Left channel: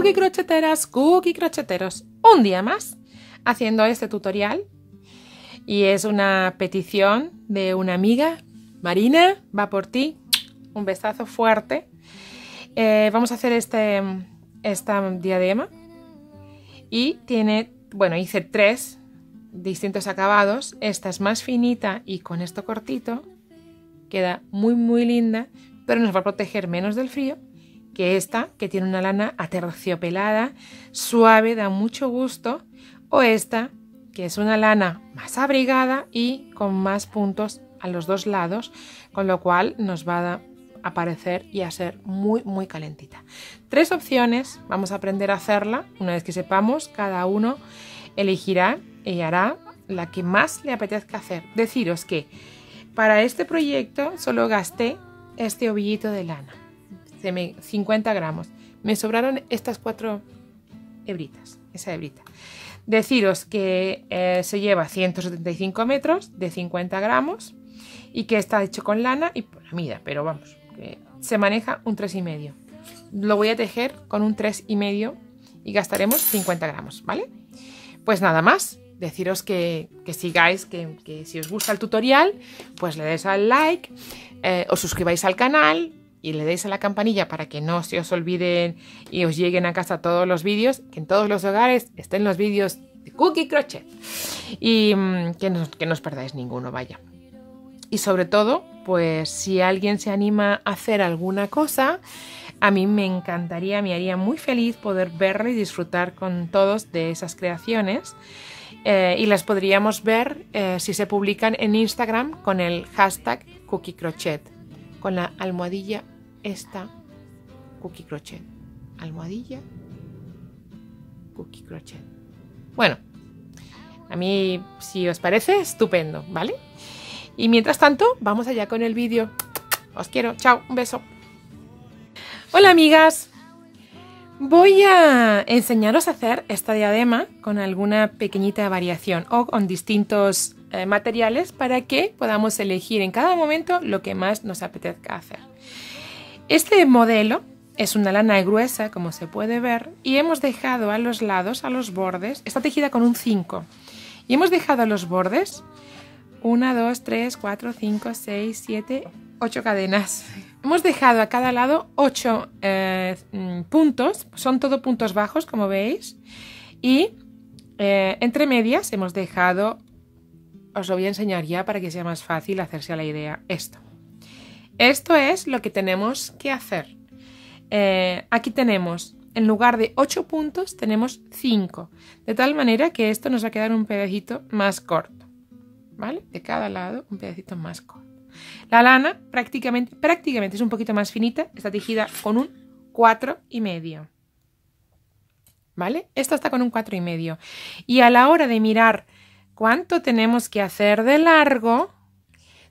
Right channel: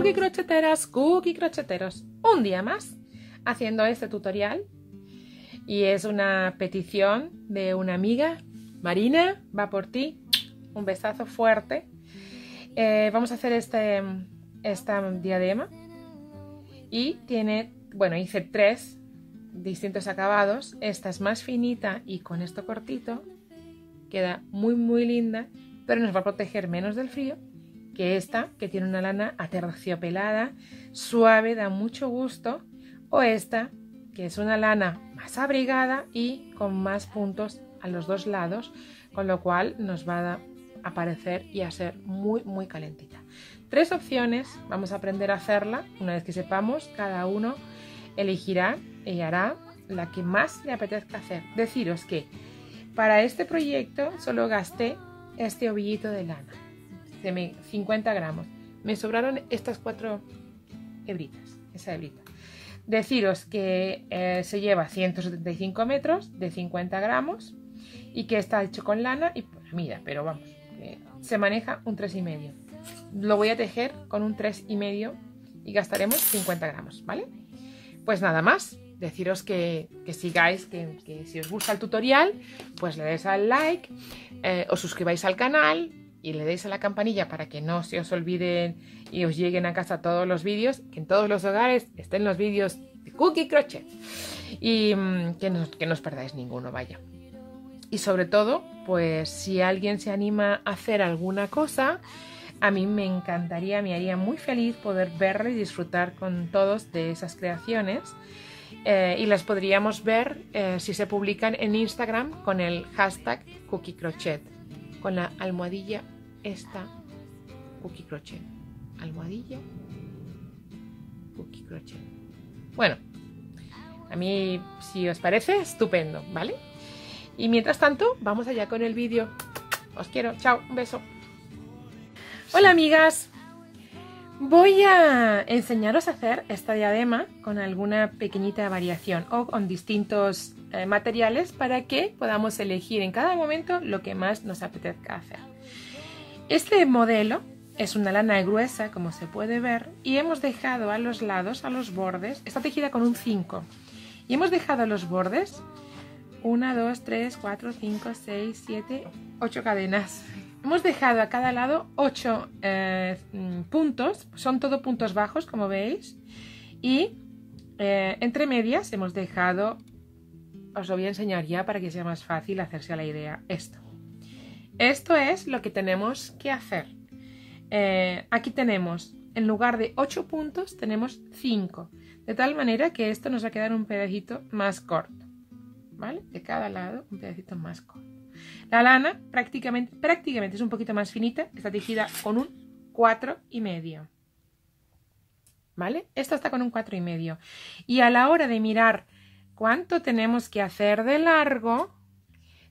cookie crocheteras, cookie crocheteros, un día más haciendo este tutorial y es una petición de una amiga. Marina, va por ti, un besazo fuerte. Vamos a hacer esta diadema y tiene, bueno, hice 3 distintos acabados. Esta es más finita y con esto cortito queda muy linda, pero nos va a proteger menos del frío que esta, que tiene una lana aterciopelada, suave, da mucho gusto, o esta, que es una lana más abrigada y con más puntos a los 2 lados, con lo cual nos va a parecer y a ser muy calentita. 3 opciones, vamos a aprender a hacerla. Una vez que sepamos, cada uno elegirá y hará la que más le apetezca hacer. Deciros que para este proyecto solo gasté este ovillito de lana, 50 gramos. Me sobraron estas 4 hebritas, esa hebrita. Deciros que se lleva 175 metros de 50 gramos y que está hecho con lana y por la mida, pero vamos, se maneja un 3,5. Lo voy a tejer con un 3,5 y gastaremos 50 gramos, ¿vale? Pues nada más, deciros que sigáis, que si os gusta el tutorial, pues le deis al like, os suscribáis al canal y le deis a la campanilla para que no se os olviden y os lleguen a casa todos los vídeos, que en todos los hogares estén los vídeos de Cookie Crochet y que no os perdáis ninguno, vaya. Y sobre todo, pues si alguien se anima a hacer alguna cosa, a mí me encantaría, me haría muy feliz poder verlo y disfrutar con todos de esas creaciones. Y las podríamos ver si se publican en Instagram con el hashtag Cookie Crochet, con la almohadilla esta Cookie Crochet, almohadilla Cookie Crochet. Bueno, a mí, si os parece, estupendo, ¿vale? Y mientras tanto, vamos allá con el vídeo. Os quiero, chao, un beso. Hola amigas, voy a enseñaros a hacer esta diadema con alguna pequeñita variación o con distintos materiales para que podamos elegir en cada momento lo que más nos apetezca hacer. Este modelo es una lana gruesa, como se puede ver, y hemos dejado a los lados, a los bordes, está tejida con un 5, y hemos dejado a los bordes 1, 2, 3, 4, 5, 6, 7, 8 cadenas. Hemos dejado a cada lado 8 puntos, son todo puntos bajos, como veis, y entre medias hemos dejado, os lo voy a enseñar ya para que sea más fácil hacerse a la idea, esto. Esto es lo que tenemos que hacer. Aquí tenemos, en lugar de 8 puntos, tenemos 5, de tal manera que esto nos va a quedar un pedacito más corto, ¿vale? De cada lado un pedacito más corto. La lana prácticamente es un poquito más finita, está tejida con un 4,5, ¿vale? Esta está con un 4,5. Y a la hora de mirar cuánto tenemos que hacer de largo,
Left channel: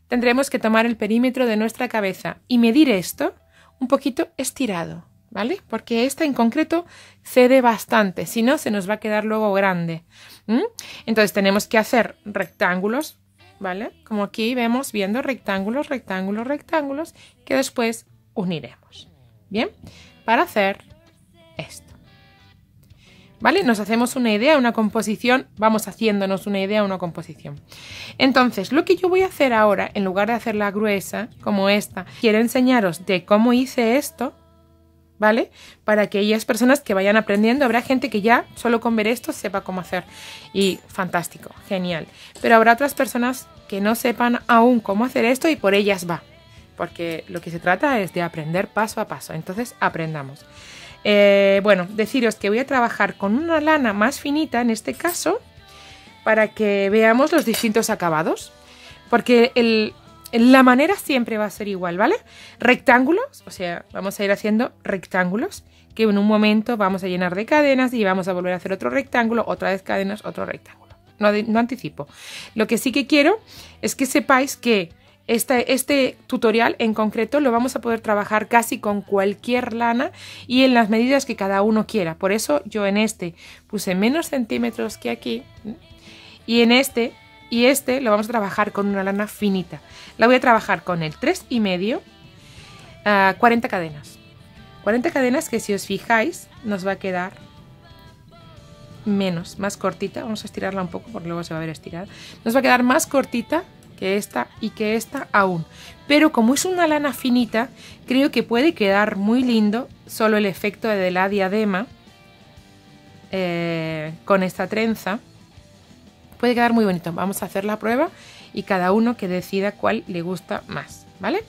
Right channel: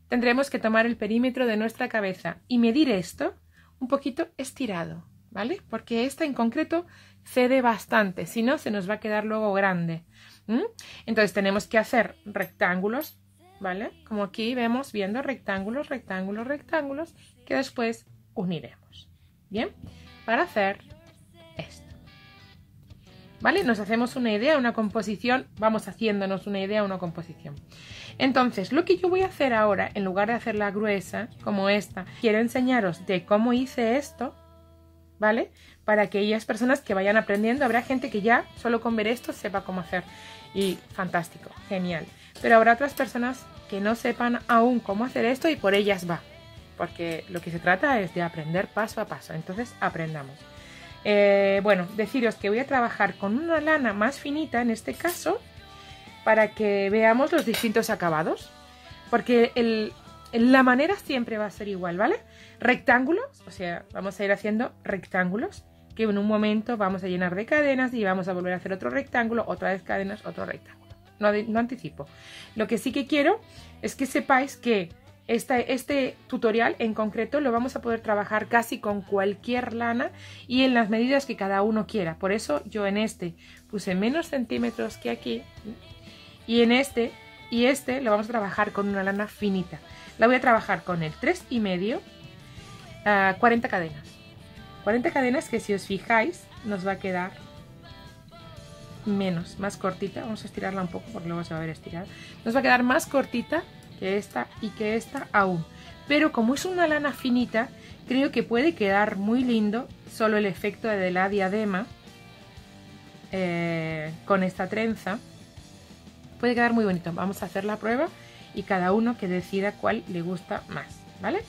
tendremos que tomar el perímetro de nuestra cabeza y medir esto un poquito estirado, ¿vale? Porque esta en concreto cede bastante, si no se nos va a quedar luego grande. Entonces tenemos que hacer rectángulos, ¿vale? Como aquí vemos, viendo rectángulos, rectángulos, rectángulos, que después uniremos. Bien, para hacer esto. ¿Vale? Nos hacemos una idea, una composición, vamos haciéndonos una idea, una composición. Entonces, lo que yo voy a hacer ahora, en lugar de hacerla gruesa, como esta, quiero enseñaros de cómo hice esto, ¿vale? Para aquellas personas que vayan aprendiendo, habrá gente que ya solo con ver esto sepa cómo hacer. Y fantástico, genial. Pero habrá otras personas que no sepan aún cómo hacer esto y por ellas va. Porque lo que se trata es de aprender paso a paso. Entonces, aprendamos. Bueno, deciros que voy a trabajar con una lana más finita en este caso para que veamos los distintos acabados, porque la manera siempre va a ser igual, ¿vale? Rectángulos, o sea, vamos a ir haciendo rectángulos que en un momento vamos a llenar de cadenas y vamos a volver a hacer otro rectángulo, otra vez cadenas, otro rectángulo. No anticipo. Lo que sí que quiero es que sepáis que este tutorial en concreto lo vamos a poder trabajar casi con cualquier lana y en las medidas que cada uno quiera. Por eso yo en este puse menos centímetros que aquí y en este lo vamos a trabajar con una lana finita. La voy a trabajar con el 3,5, 40 cadenas. 40 cadenas que si os fijáis nos va a quedar más cortita. Vamos a estirarla un poco porque luego se va a ver estirada. Nos va a quedar más cortita que esta y que esta aún. Pero como es una lana finita, creo que puede quedar muy lindo solo el efecto de la diadema con esta trenza. Puede quedar muy bonito. Vamos a hacer la prueba y cada uno que decida cuál le gusta más, ¿vale?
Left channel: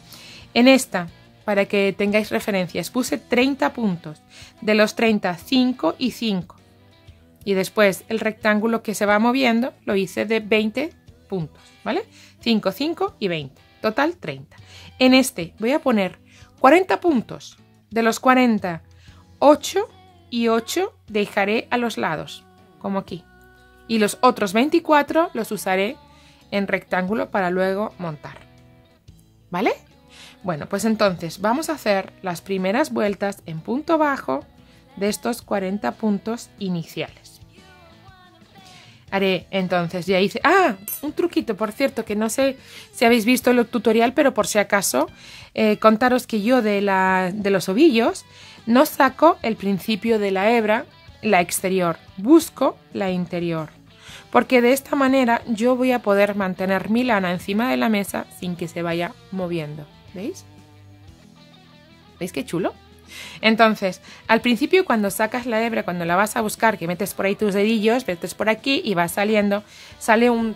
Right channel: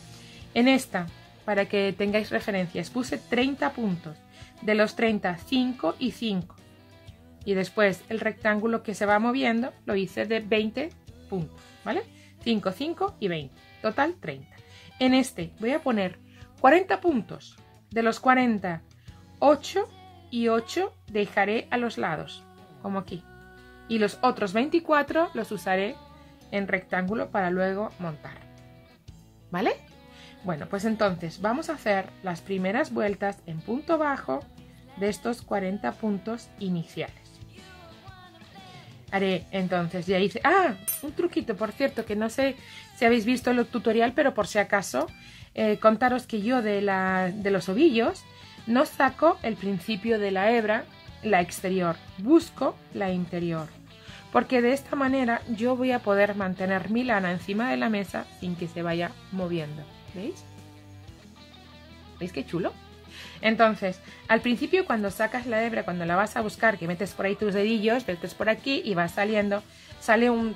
En esta, para que tengáis referencias, puse 30 puntos. De los 30, 5 y 5. Y después el rectángulo que se va moviendo lo hice de 20 puntos, ¿vale? 5, 5 y 20. Total 30. En este voy a poner 40 puntos. De los 40, 8 y 8 dejaré a los lados, como aquí. Y los otros 24 los usaré en rectángulo para luego montar. ¿Vale? Bueno, pues entonces vamos a hacer las primeras vueltas en punto bajo de estos 40 puntos iniciales. Haré entonces, ya hice... ¡Ah! Un truquito, por cierto, que no sé si habéis visto el tutorial, pero por si acaso, contaros que yo de los ovillos no saco el principio de la hebra, la exterior, busco la interior. Porque de esta manera yo voy a poder mantener mi lana encima de la mesa sin que se vaya moviendo. ¿Veis? ¿Veis qué chulo? Entonces, al principio cuando sacas la hebra, cuando la vas a buscar, que metes por ahí tus dedillos, metes por aquí y va saliendo, sale un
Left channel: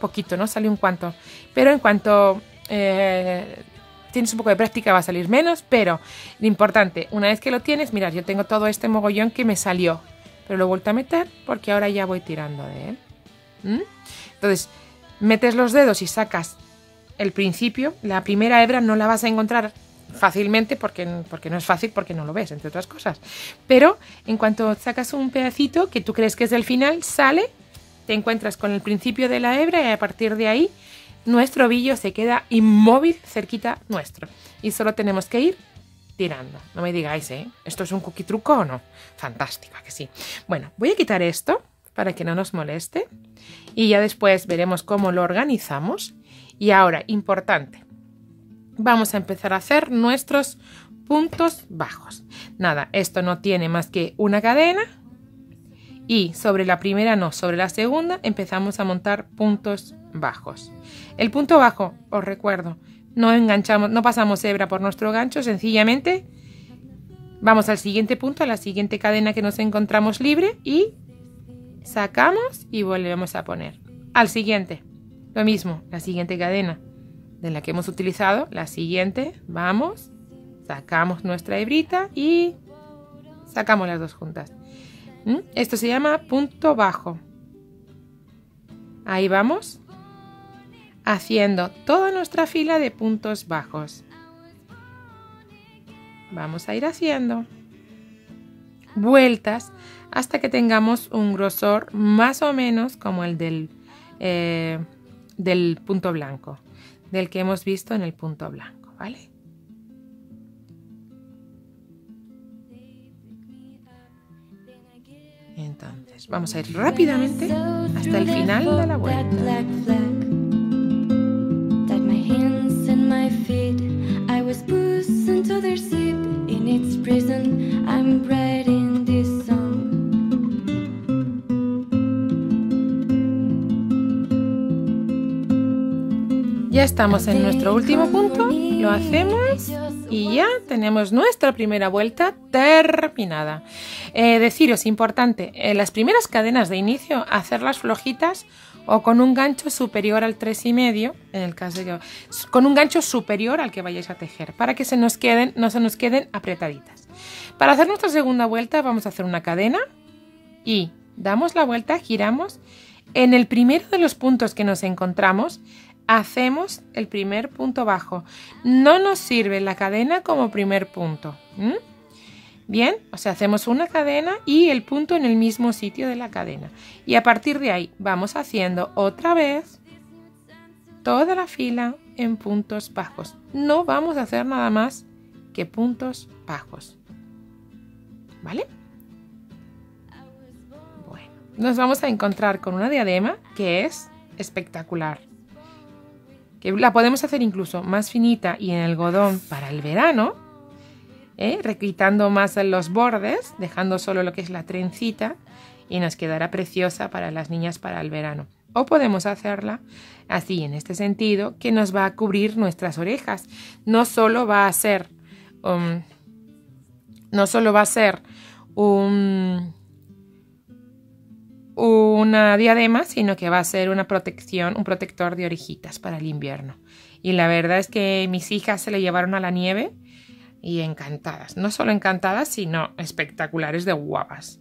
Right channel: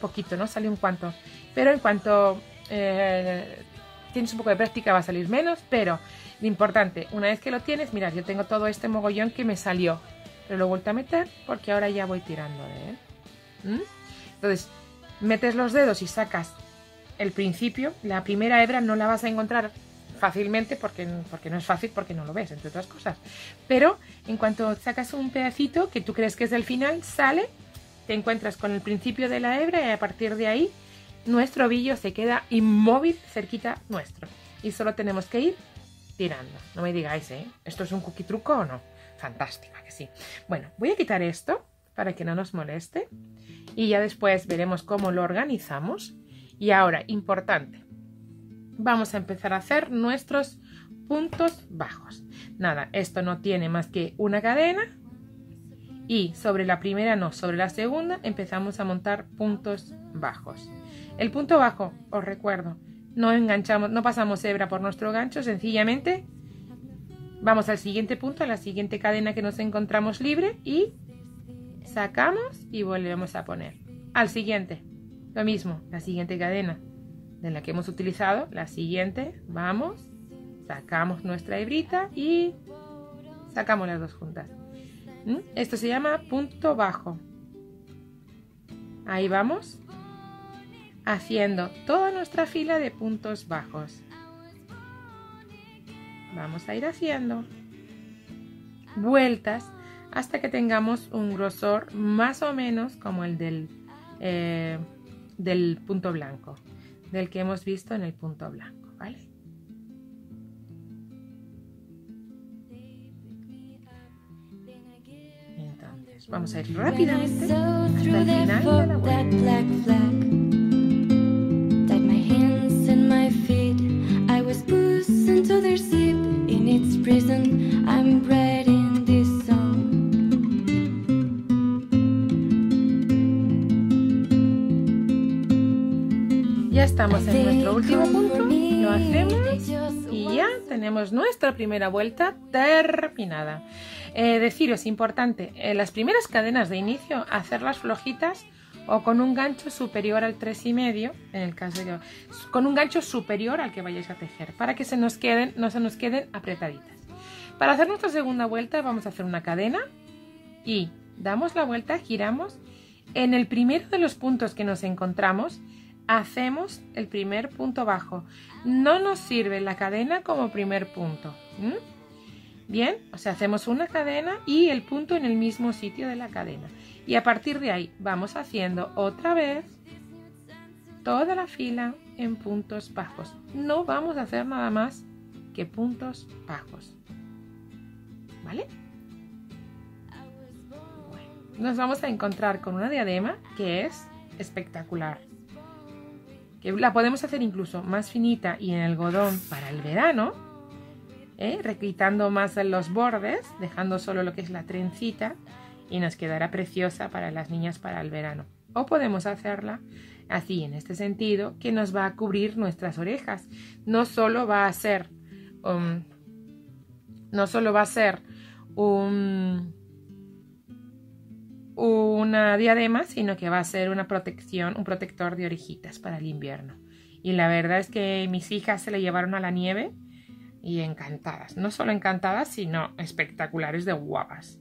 poquito, ¿no? Sale un cuanto. Pero en cuanto tienes un poco de práctica va a salir menos, pero lo importante, una vez que lo tienes, mirad, yo tengo todo este mogollón que me salió, pero lo he vuelto a meter porque ahora ya voy tirando de él. Entonces, metes los dedos y sacas el principio. La primera hebra no la vas a encontrar fácilmente porque no es fácil, porque no lo ves, entre otras cosas. Pero en cuanto sacas un pedacito que tú crees que es el final, sale, te encuentras con el principio de la hebra y a partir de ahí nuestro ovillo se queda inmóvil cerquita nuestro. Y solo tenemos que ir tirando. No me digáis, ¿esto es un cookie truco o no? Fantástico, ¿a que sí? Bueno, voy a quitar esto para que no nos moleste y ya después veremos cómo lo organizamos. Y ahora, importante, vamos a empezar a hacer nuestros puntos bajos. Nada, esto no tiene más que una cadena y sobre la primera no, sobre la segunda empezamos a montar puntos bajos. El punto bajo, os recuerdo, no enganchamos, no pasamos hebra por nuestro gancho, sencillamente vamos al siguiente punto, a la siguiente cadena que nos encontramos libre y sacamos y volvemos a poner. Al siguiente, lo mismo, la siguiente cadena de la que hemos utilizado, la siguiente, vamos, sacamos nuestra hebrita y sacamos las dos juntas. Esto se llama punto bajo. Ahí vamos haciendo toda nuestra fila de puntos bajos. Vamos a ir haciendo vueltas hasta que tengamos un grosor más o menos como el del punto blanco, del que hemos visto en el punto blanco, ¿vale? Entonces vamos a ir rápidamente hasta el final de la vuelta. Ya estamos en nuestro último punto, lo hacemos y ya tenemos nuestra primera vuelta terminada. Deciros, importante, las primeras cadenas de inicio, hacerlas flojitas o con un gancho superior al 3,5, en el caso de que, con un gancho superior al que vayáis a tejer, para que no se nos queden apretaditas. Para hacer nuestra segunda vuelta vamos a hacer una cadena y damos la vuelta, giramos. En el primero de los puntos que nos encontramos, hacemos el primer punto bajo. No nos sirve la cadena como primer punto. Bien, o sea, hacemos una cadena y el punto en el mismo sitio de la cadena. Y a partir de ahí vamos haciendo otra vez toda la fila en puntos bajos. No vamos a hacer nada más que puntos bajos. ¿Vale? Bueno, nos vamos a encontrar con una diadema que es espectacular. Que la podemos hacer incluso más finita y en algodón para el verano. requitando más en los bordes, dejando solo lo que es la trencita, y nos quedará preciosa para las niñas para el verano. O podemos hacerla así, en este sentido, que nos va a cubrir nuestras orejas. No solo va a ser una diadema, sino que va a ser una protección, un protector de orejitas para el invierno. Y la verdad es que mis hijas se le llevaron a la nieve y encantadas. No solo encantadas, sino espectaculares de guapas.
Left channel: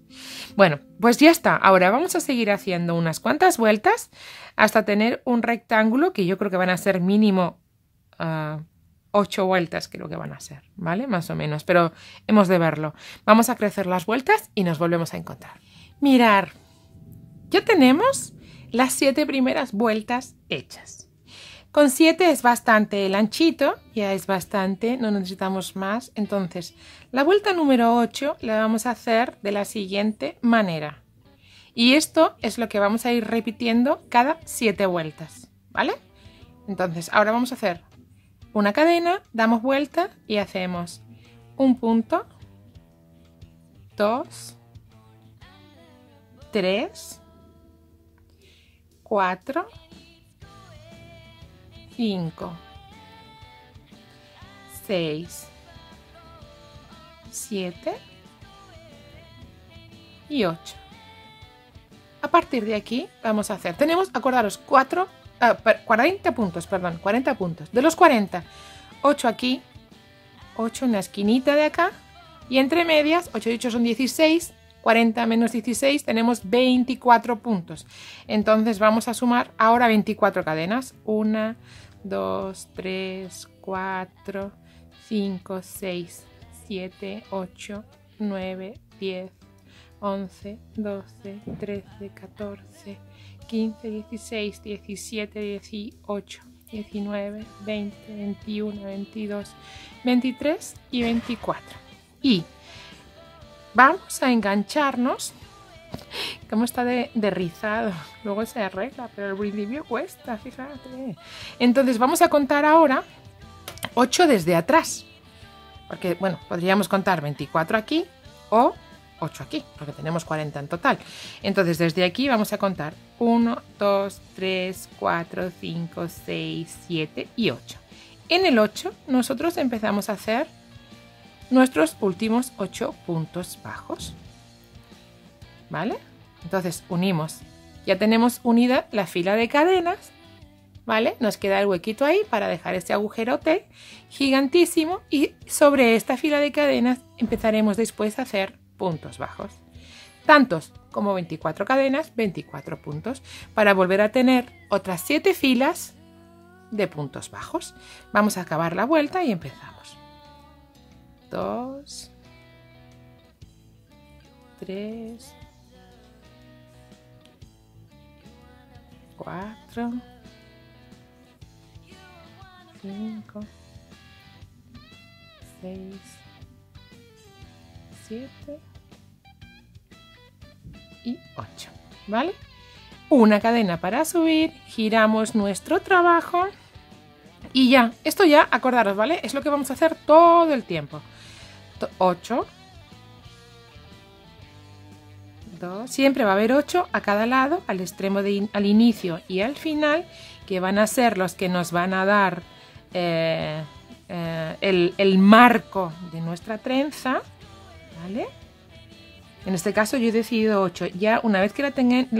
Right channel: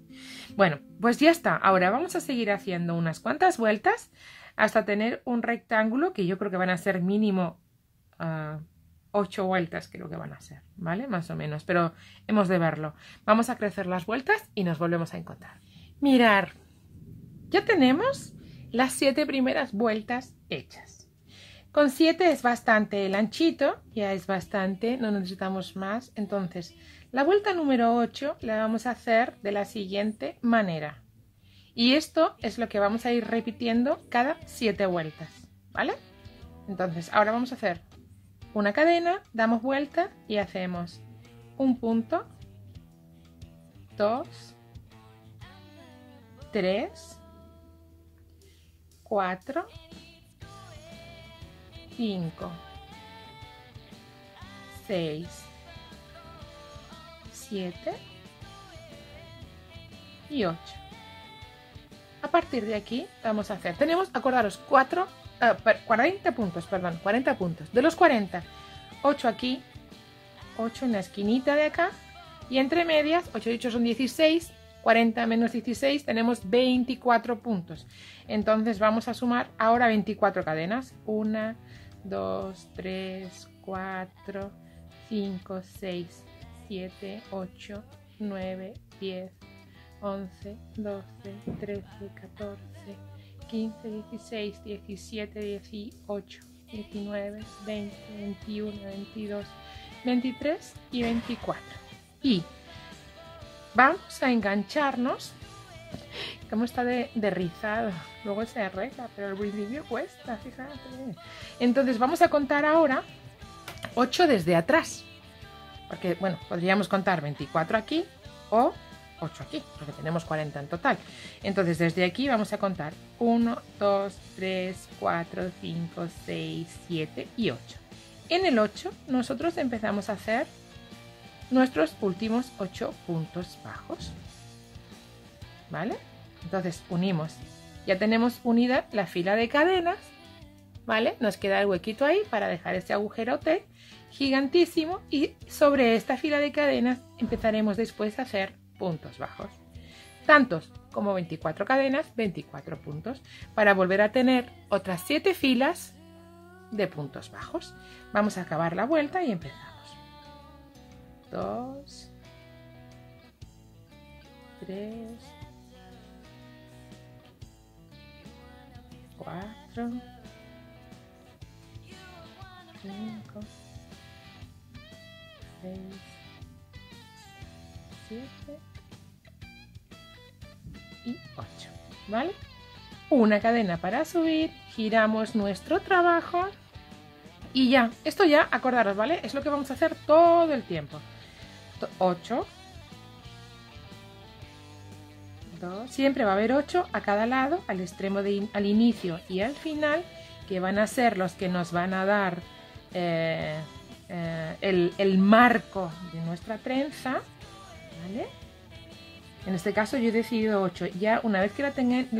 Bueno, pues ya está. Ahora vamos a seguir haciendo unas cuantas vueltas hasta tener un rectángulo que yo creo que van a ser mínimo 8 vueltas, creo que van a ser, ¿vale? Más o menos, pero hemos de verlo. Vamos a crecer las vueltas y nos volvemos a encontrar. Mirar, ya tenemos las 7 primeras vueltas hechas. Con 7 es bastante el anchito, ya es bastante, no necesitamos más. Entonces, la vuelta número 8 la vamos a hacer de la siguiente manera. Y esto es lo que vamos a ir repitiendo cada 7 vueltas, ¿vale? Entonces, ahora vamos a hacer una cadena, damos vuelta y hacemos un punto, 2, 3, 4, 5, 6, 7 y 8. A partir de aquí vamos a hacer, tenemos, acordaros, 40 puntos, perdón, 40 puntos. De los 40, 8 aquí, 8 en la esquinita de acá y entre medias, 8 y 8 son 16, 40 menos 16 tenemos 24 puntos. Entonces vamos a sumar ahora 24 cadenas. 1, 2, 3, 4, 5, 6, 7, 8, 9, 10, 11, 12, 13, 14, 15, 16, 17, 18, 19, 20, 21, 22, 23 y 24. Y vamos a engancharnos. Como está de rizado, luego se arregla, pero el principio cuesta, fíjate. Entonces vamos a contar ahora 8 desde atrás, porque bueno, podríamos contar 24 aquí o 8 aquí, porque tenemos 40 en total. Entonces desde aquí vamos a contar 1, 2, 3, 4, 5, 6, 7 y 8. En el 8 nosotros empezamos a hacer nuestros últimos 8 puntos bajos, ¿vale? Entonces unimos, ya tenemos unida la fila de cadenas, ¿vale? Nos queda el huequito ahí para dejar este agujerote gigantísimo y sobre esta fila de cadenas empezaremos después a hacer puntos bajos. Tantos como 24 cadenas, 24 puntos, para volver a tener otras 7 filas de puntos bajos. Vamos a acabar la vuelta y empezamos. 2, 3, 4, 5, 6, 7 y 8, ¿vale? Una cadena para subir, giramos nuestro trabajo y ya, esto ya, acordaros, ¿vale? Es lo que vamos a hacer todo el tiempo. 8, 2, siempre va a haber 8 a cada lado, al extremo al inicio y al final, que van a ser los que nos van a dar el marco de nuestra trenza, ¿vale? En este caso yo he decidido 8. Ya una vez que la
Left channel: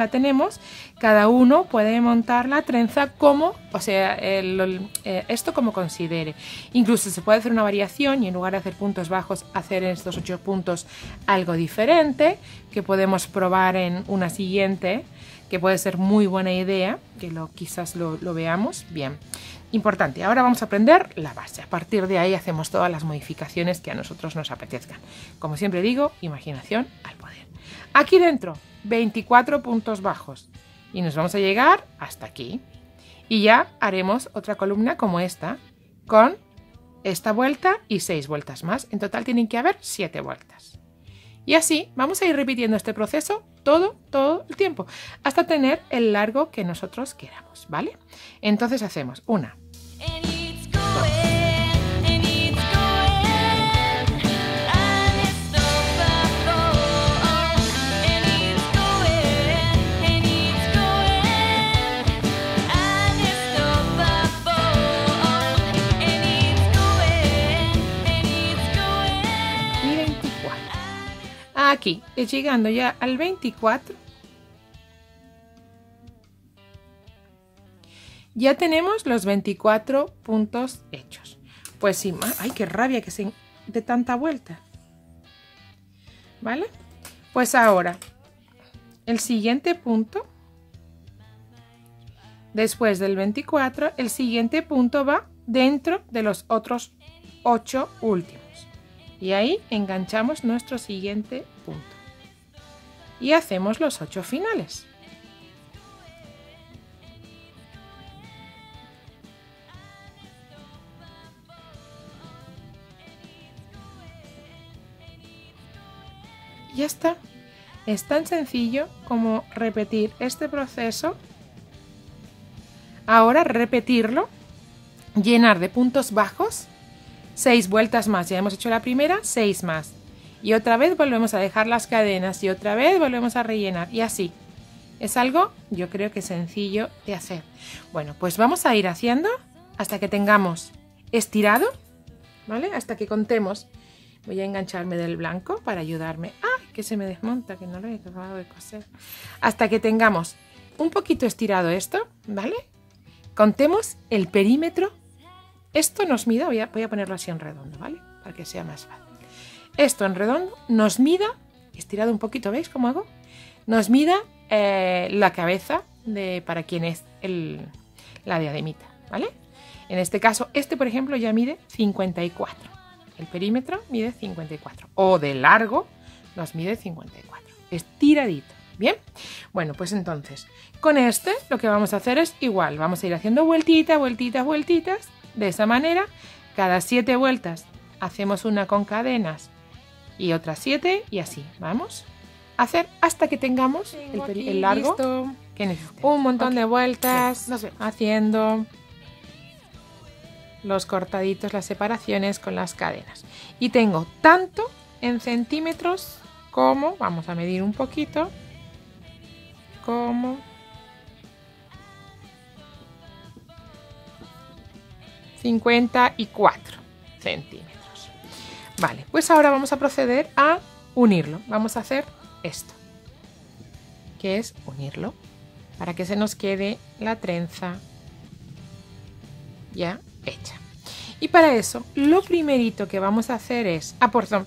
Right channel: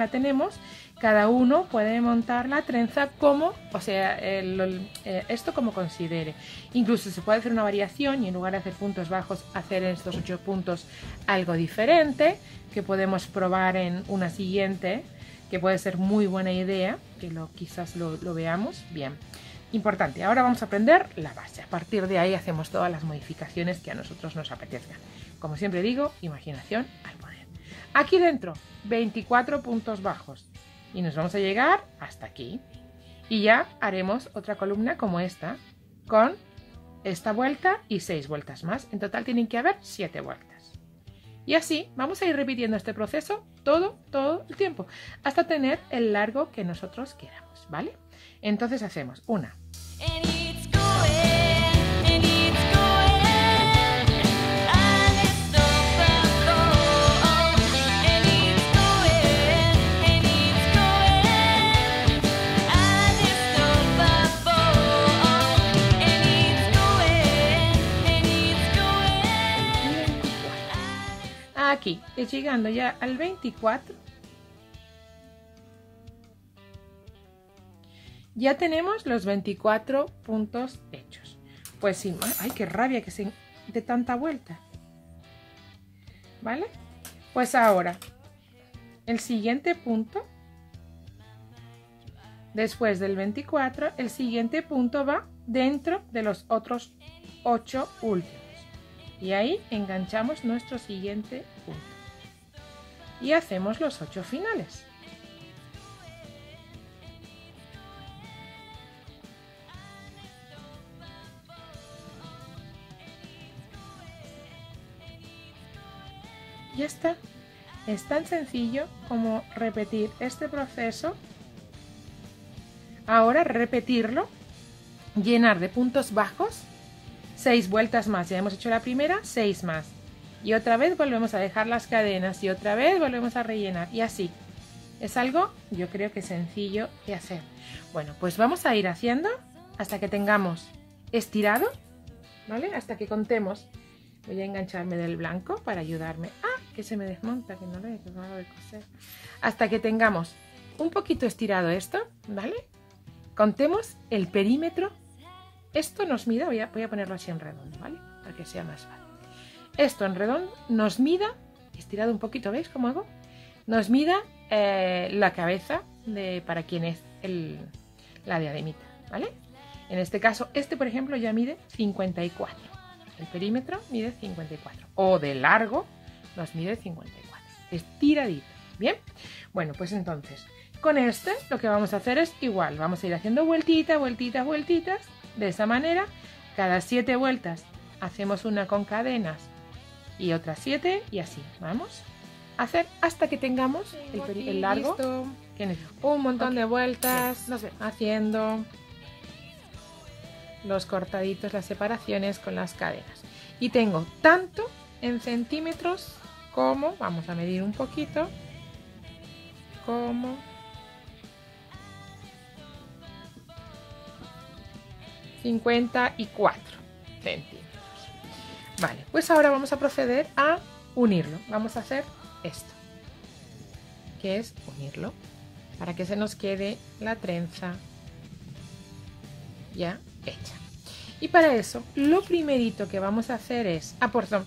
tenemos, cada uno puede montar la trenza como, o sea, esto como considere. Incluso se puede hacer una variación y en lugar de hacer puntos bajos, hacer en estos 8 puntos algo diferente, que podemos probar en una siguiente, que puede ser muy buena idea, que quizás lo veamos bien. Importante, ahora vamos a aprender la base. A partir de ahí hacemos todas las modificaciones que a nosotros nos apetezcan. Como siempre digo, imaginación al poder. Aquí dentro, 24 puntos bajos. Y nos vamos a llegar hasta aquí. Y ya haremos otra columna como esta, con esta vuelta y 6 vueltas más. En total tienen que haber 7 vueltas. Y así vamos a ir repitiendo este proceso todo el tiempo, hasta tener el largo que nosotros queramos, ¿vale? Entonces hacemos 1, 2, 3, 4, 5, 6, 7, 8, 9, 10, 11, 12, 13, 14, 15, 16, 17, 18, 19, 20, 21, 22, 23 y 24. Aquí, llegando ya al 24, ya tenemos los 24 puntos hechos. Pues sí, ¡ay, qué rabia que se de tanta vuelta! ¿Vale? Pues ahora, el siguiente punto, después del 24, el siguiente punto va dentro de los otros 8 últimos. Y ahí enganchamos nuestro siguiente punto. Y hacemos los 8 finales. Ya está. Es tan sencillo como repetir este proceso. Ahora repetirlo, llenar de puntos bajos, 6 vueltas más. Ya hemos hecho la primera, 6 más. Y otra vez volvemos a dejar las cadenas y otra vez volvemos a rellenar y así. Es algo, yo creo que sencillo de hacer. Bueno, pues vamos a ir haciendo hasta que tengamos estirado, ¿vale? Hasta que contemos. Voy a engancharme del blanco para ayudarme. ¡Ah! Que se me desmonta, que no lo he acabado de coser. Hasta que tengamos un poquito estirado esto, ¿vale? Contemos el perímetro. Esto nos mida, voy a ponerlo así en redondo, ¿vale? Para que sea más fácil. Esto en redondo nos mida, estirado un poquito, ¿veis cómo hago? Nos mida la cabeza para quien es la diademita, ¿vale? En este caso, este por ejemplo ya mide 54. El perímetro mide 54. O de largo nos mide 54. Estiradito. ¿Bien? Bueno, pues entonces, con este lo que vamos a hacer es igual. Vamos a ir haciendo vueltitas, vueltitas, vueltitas. De esa manera, cada 7 vueltas hacemos una con cadenas y otras 7 y así. Vamos a hacer hasta que tengamos el largo que necesitamos. Un montón de vueltas haciendo los cortaditos, las separaciones con las cadenas. Y tengo tanto en centímetros como, vamos a medir un poquito, como 54 centímetros. Vale, pues ahora vamos a proceder a unirlo. Vamos a hacer esto, que es unirlo para que se nos quede la trenza ya hecha. Y para eso, lo primerito que vamos a hacer es... perdón.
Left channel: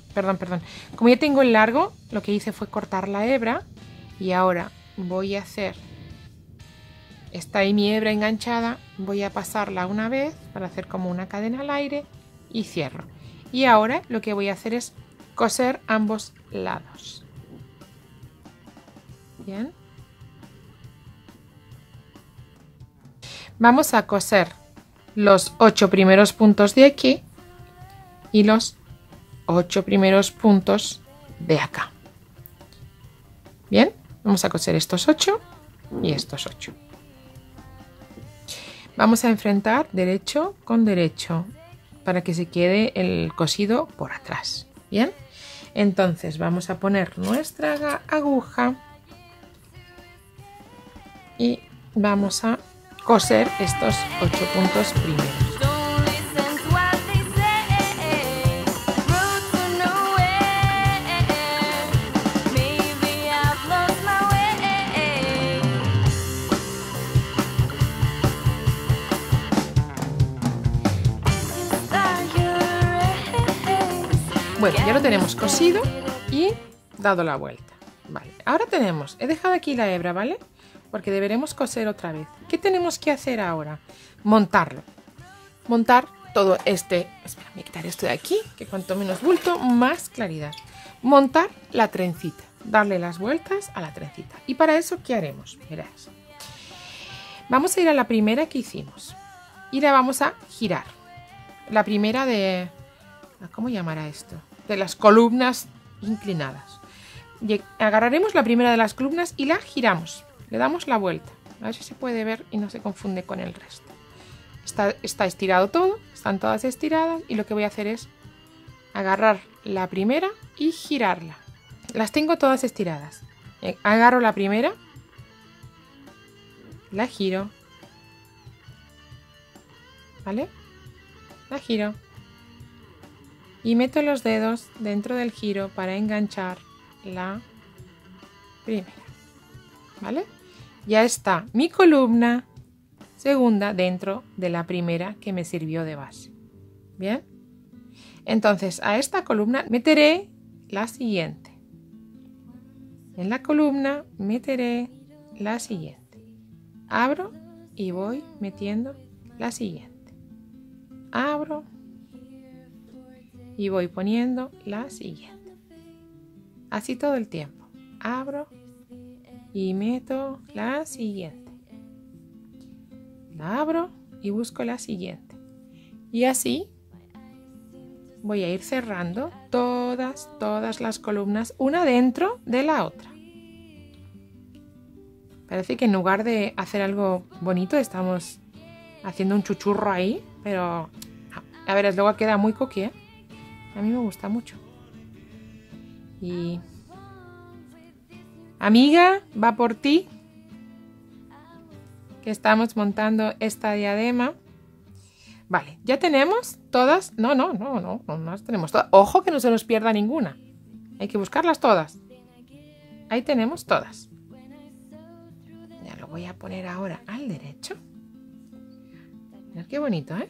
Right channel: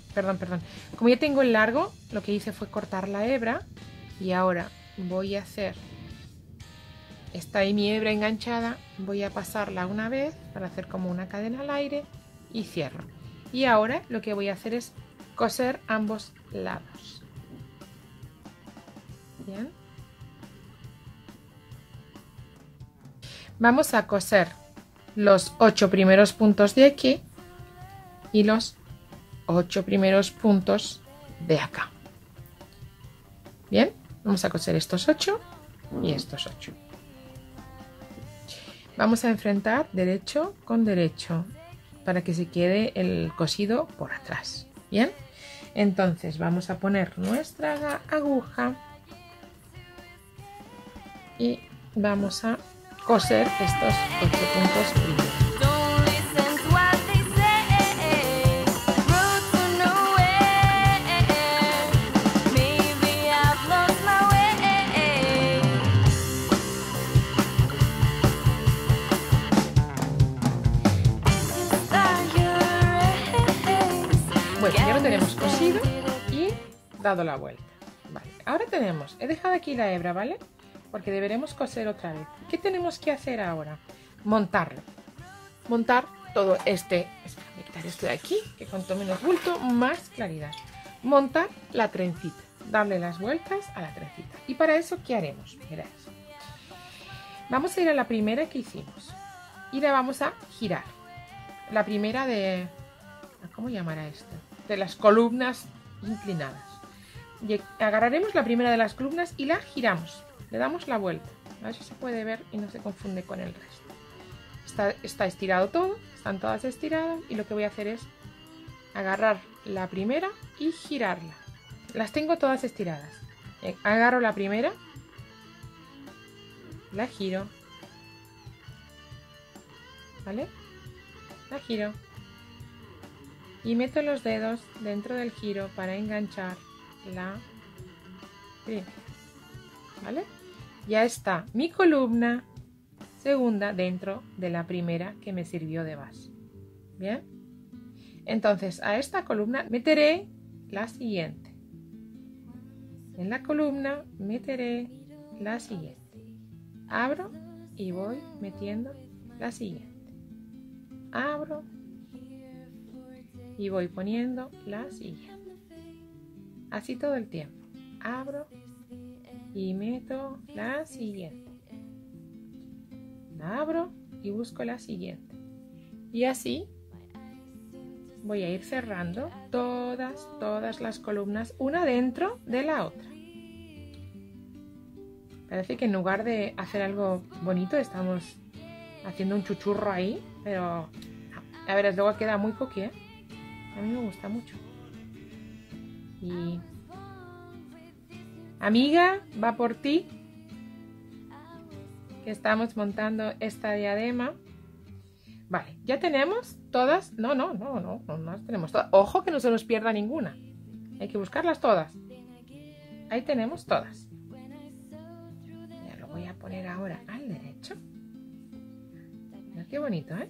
Como ya tengo el largo, lo que hice fue cortar la hebra. Y ahora voy a hacer... Está ahí mi hebra enganchada. Voy a pasarla una vez para hacer como una cadena al aire. Y cierro. Y ahora lo que voy a hacer es coser ambos lados. Bien. Vamos a coser los 8 primeros puntos de aquí y los 8 primeros puntos de acá. Bien, vamos a coser estos 8 y estos 8. Vamos a enfrentar derecho con derecho para que se quede el cosido por atrás. Bien, entonces vamos a poner nuestra aguja y vamos a coser estos 8 puntos primeros. Bueno, ya lo tenemos cosido y dado la vuelta. Vale, ahora tenemos, he dejado aquí la hebra, ¿vale? Porque deberemos coser otra vez. ¿Qué tenemos que hacer ahora? Montarlo. Montar todo este... Espera, voy a quitar esto de aquí, que cuanto menos bulto, más claridad. Montar la trencita. Darle las vueltas a la trencita. Y para eso, ¿qué haremos? Verás. Vamos a ir a la primera que hicimos. Y la vamos a girar. La primera de... ¿Cómo llamará esto? De las columnas inclinadas. Y agarraremos la primera de las columnas y la giramos. Le damos la vuelta. A ver si se puede ver y no se confunde con el resto. Está estirado todo. Están todas estiradas. Y lo que voy a hacer es agarrar la primera y girarla. Las tengo todas estiradas. Agarro la primera. La giro. ¿Vale? La giro. Y meto los dedos dentro del giro para enganchar la primera, ¿vale? Ya está mi columna segunda dentro de la primera que me sirvió de base. ¿Bien? Entonces a esta columna meteré la siguiente. En la columna meteré la siguiente. Abro y voy metiendo la siguiente. Abro y voy poniendo la siguiente. Así todo el tiempo. Abro y meto la siguiente. La abro y busco la siguiente. Y así voy a ir cerrando todas las columnas, una dentro de la otra. Parece que en lugar de hacer algo bonito estamos haciendo un chuchurro ahí, pero a ver, luego queda muy coquí, ¿eh? A mí me gusta mucho. Y amiga, va por ti, que estamos montando esta diadema. Vale, ya tenemos todas. No las tenemos todas. Ojo que no se nos pierda ninguna. Hay que buscarlas todas. Ahí tenemos todas. Ya lo voy a poner ahora al derecho. Mirad qué bonito, ¿eh?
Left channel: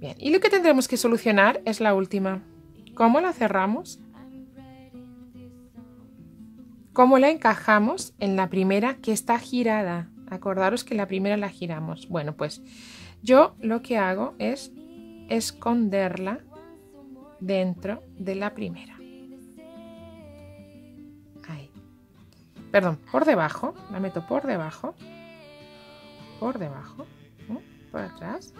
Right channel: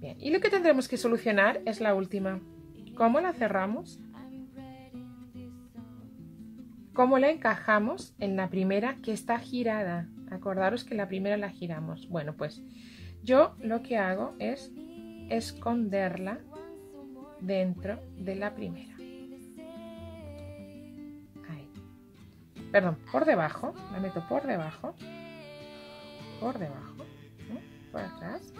Bien, y lo que tendremos que solucionar es la última. ¿Cómo la cerramos? ¿Cómo la encajamos en la primera que está girada? Acordaros que la primera la giramos. Bueno, pues yo lo que hago es esconderla dentro de la primera. Ahí. Perdón, por debajo. La meto por debajo. Por debajo. ¿No? Por atrás.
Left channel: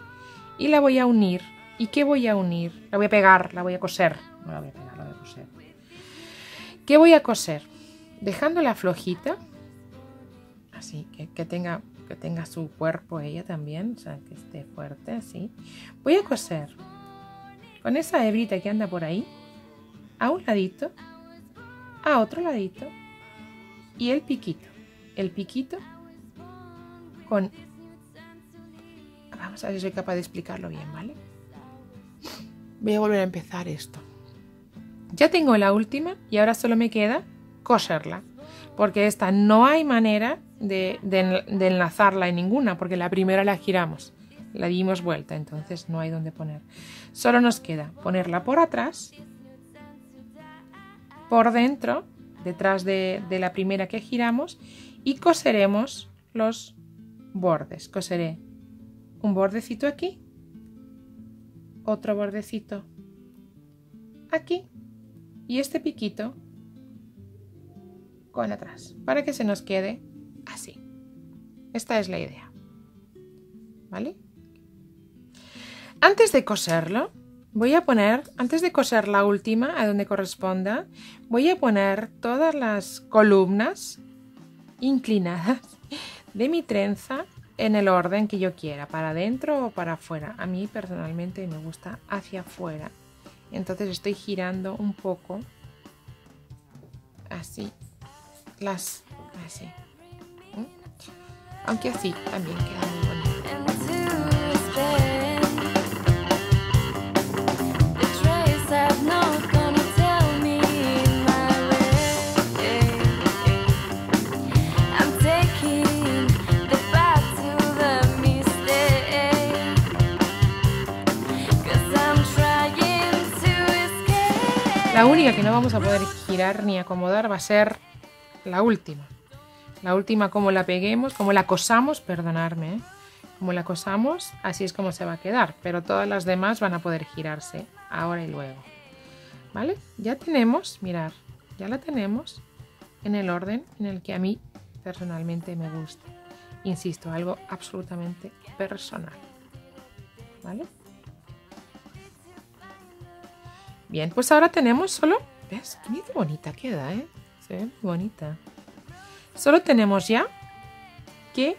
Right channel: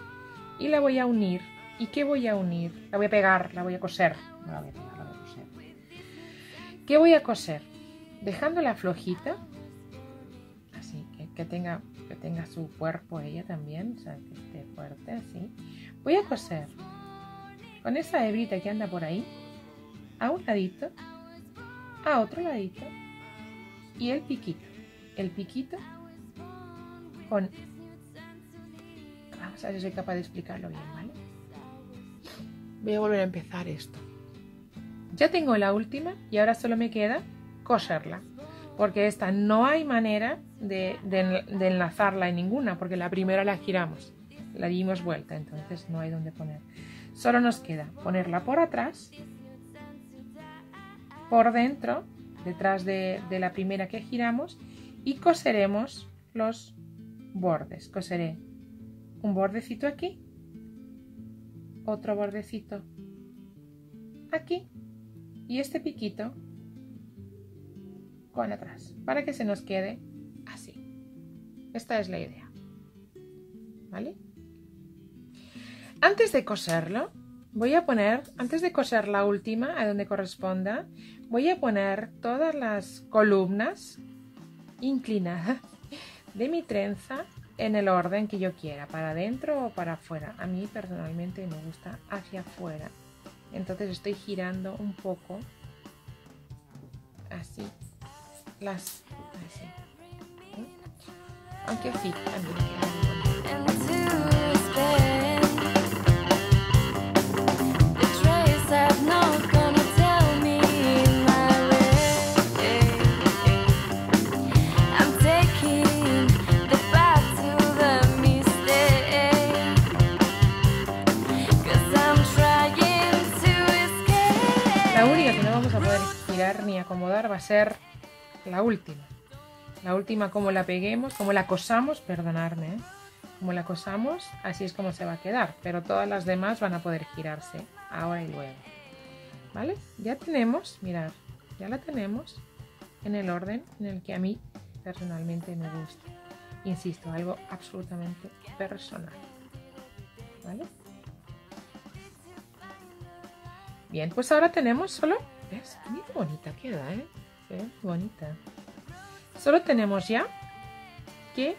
Y la voy a unir. ¿Y qué voy a unir? La voy a pegar, la voy a coser. No la voy a pegar, la voy a coser. ¿Qué voy a coser? Dejándola flojita. Así, que tenga su cuerpo ella también, o sea, que esté fuerte, así. Voy a coser con esa hebrita que anda por ahí, a un ladito, a otro ladito, y el piquito con... Vamos a ver si soy capaz de explicarlo bien, ¿vale? Voy a volver a empezar esto. Ya tengo la última y ahora solo me queda coserla, porque esta no hay manera de enlazarla en ninguna, porque la primera la giramos, la dimos vuelta, entonces no hay donde poner. Solo nos queda ponerla por atrás, por dentro, detrás de la primera que giramos, y coseremos los bordes. Coseré un bordecito aquí, otro bordecito aquí y este piquito con atrás, para que se nos quede así. Esta es la idea, ¿vale? Antes de coserlo, voy a poner, antes de coser la última, a donde corresponda, voy a poner todas las columnas inclinadas de mi trenza en el orden que yo quiera, para adentro o para afuera. A mí personalmente me gusta hacia afuera, entonces estoy girando un poco así. Así. Aunque así también queda muy bonito. La única que no vamos a poder girar ni acomodar va a ser la última. La última, como la peguemos, como la cosamos, perdonadme, como la cosamos, así es como se va a quedar. Pero todas las demás van a poder girarse ahora y luego. ¿Vale? Ya tenemos, mirad, ya la tenemos en el orden en el que a mí personalmente me gusta. Insisto, algo absolutamente personal. ¿Vale? Bien, pues ahora tenemos solo... ¿Ves? Mira qué bonita queda, ¿eh? Se ve muy bonita. Solo tenemos ya que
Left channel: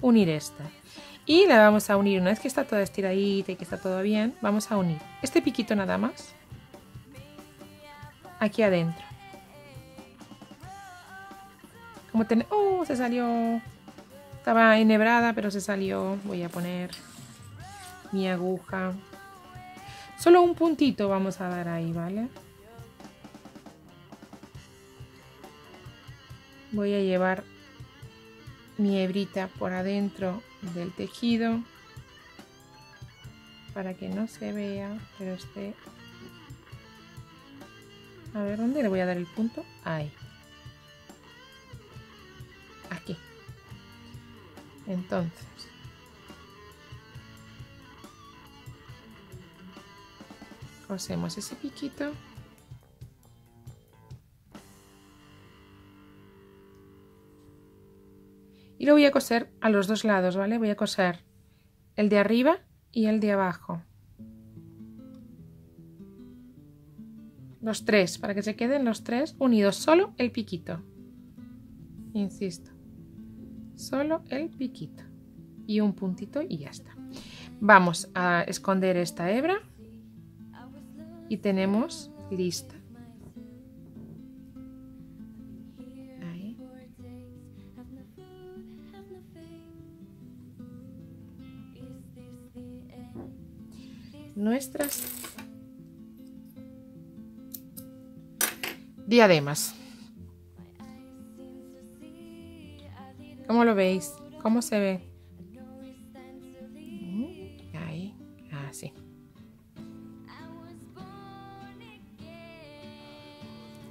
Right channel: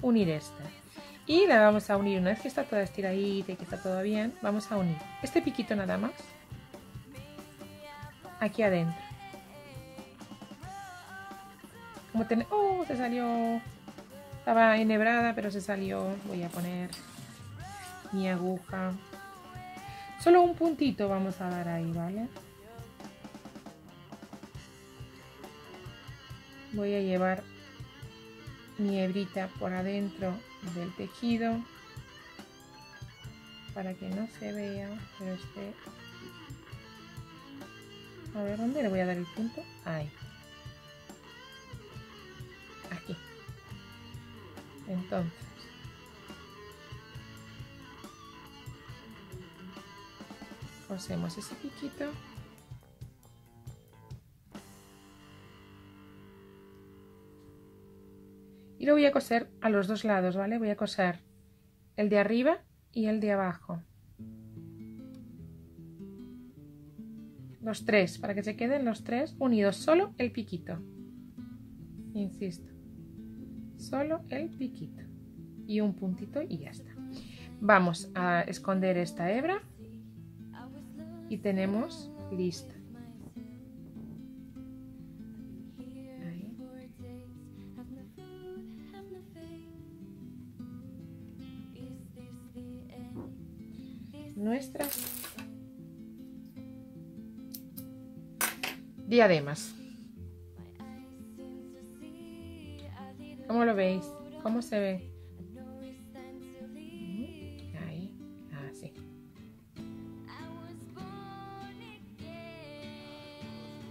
unir esta. Y la vamos a unir, una vez que está toda estiradita y que está todo bien, vamos a unir este piquito nada más aquí adentro. Como ¡oh! Se salió. Estaba enhebrada, pero se salió. Voy a poner mi aguja. Solo un puntito vamos a dar ahí, ¿vale? voy a llevar mi hebrita por adentro del tejido para que no se vea, pero esté... A ver, ¿dónde le voy a dar el punto? Ahí. Aquí. Entonces, cosemos ese piquito. Y lo voy a coser a los dos lados, ¿vale? Voy a coser el de arriba y el de abajo. Los tres, para que se queden los tres unidos, solo el piquito. Insisto, solo el piquito. Y un puntito y ya está. Vamos a esconder esta hebra y tenemos lista. Ahí. Nuestras diademas. ¿Cómo lo veis? ¿Cómo se ve? Ahí, así.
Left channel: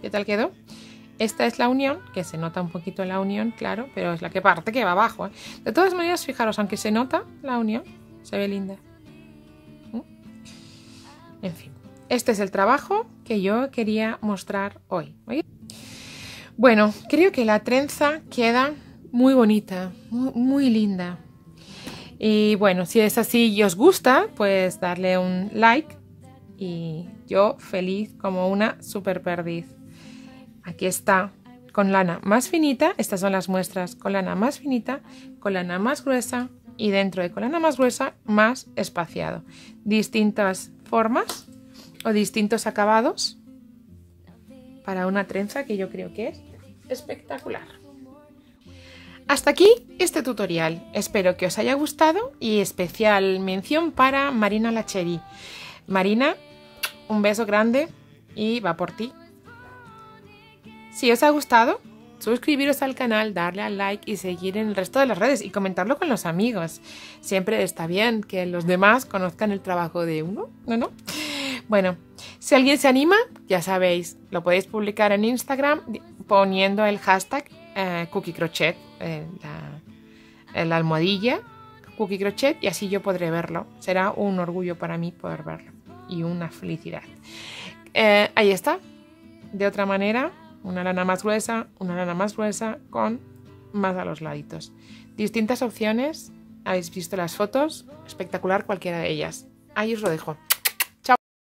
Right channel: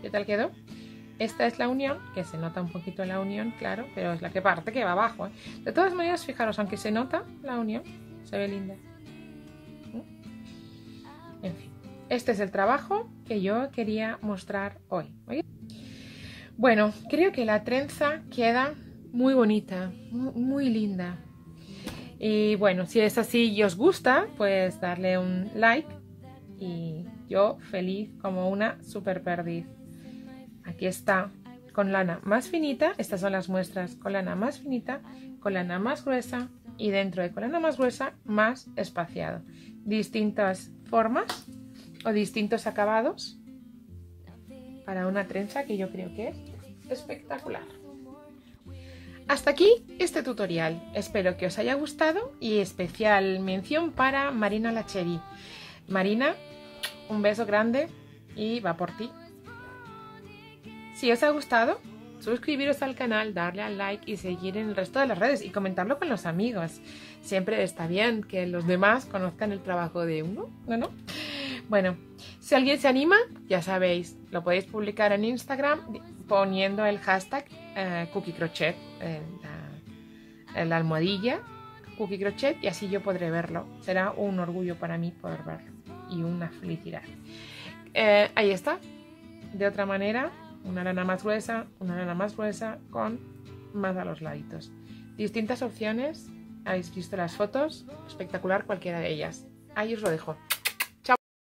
¿Qué tal quedó? Esta es la unión, que se nota un poquito la unión, claro, pero es la que parte que va abajo, ¿eh? De todas maneras, fijaros, aunque se nota la unión, se ve linda. En fin, este es el trabajo que yo quería mostrar hoy. Bueno, creo que la trenza queda muy bonita, muy linda. Y bueno, si es así y os gusta, pues darle un like. Y yo feliz como una super perdiz. Aquí está con lana más finita. Estas son las muestras con lana más finita, con lana más gruesa y dentro de con lana más gruesa más espaciado. Distintas formas o distintos acabados para una trenza que yo creo que es espectacular. Hasta aquí este tutorial. Espero que os haya gustado y especial mención para Marina Lacheri. Marina, un beso grande y va por ti. Si os ha gustado, suscribiros al canal, darle al like y seguir en el resto de las redes y comentarlo con los amigos. Siempre está bien que los demás conozcan el trabajo de uno, ¿no? Bueno, si alguien se anima, ya sabéis, lo podéis publicar en Instagram poniendo el hashtag Cookie Crochet, la almohadilla Cookie Crochet, y así yo podré verlo. Será un orgullo para mí poder verlo y una felicidad. Ahí está. De otra manera, una lana más gruesa con más a los laditos. Distintas opciones, habéis visto las fotos, espectacular cualquiera de ellas. Ahí os lo dejo.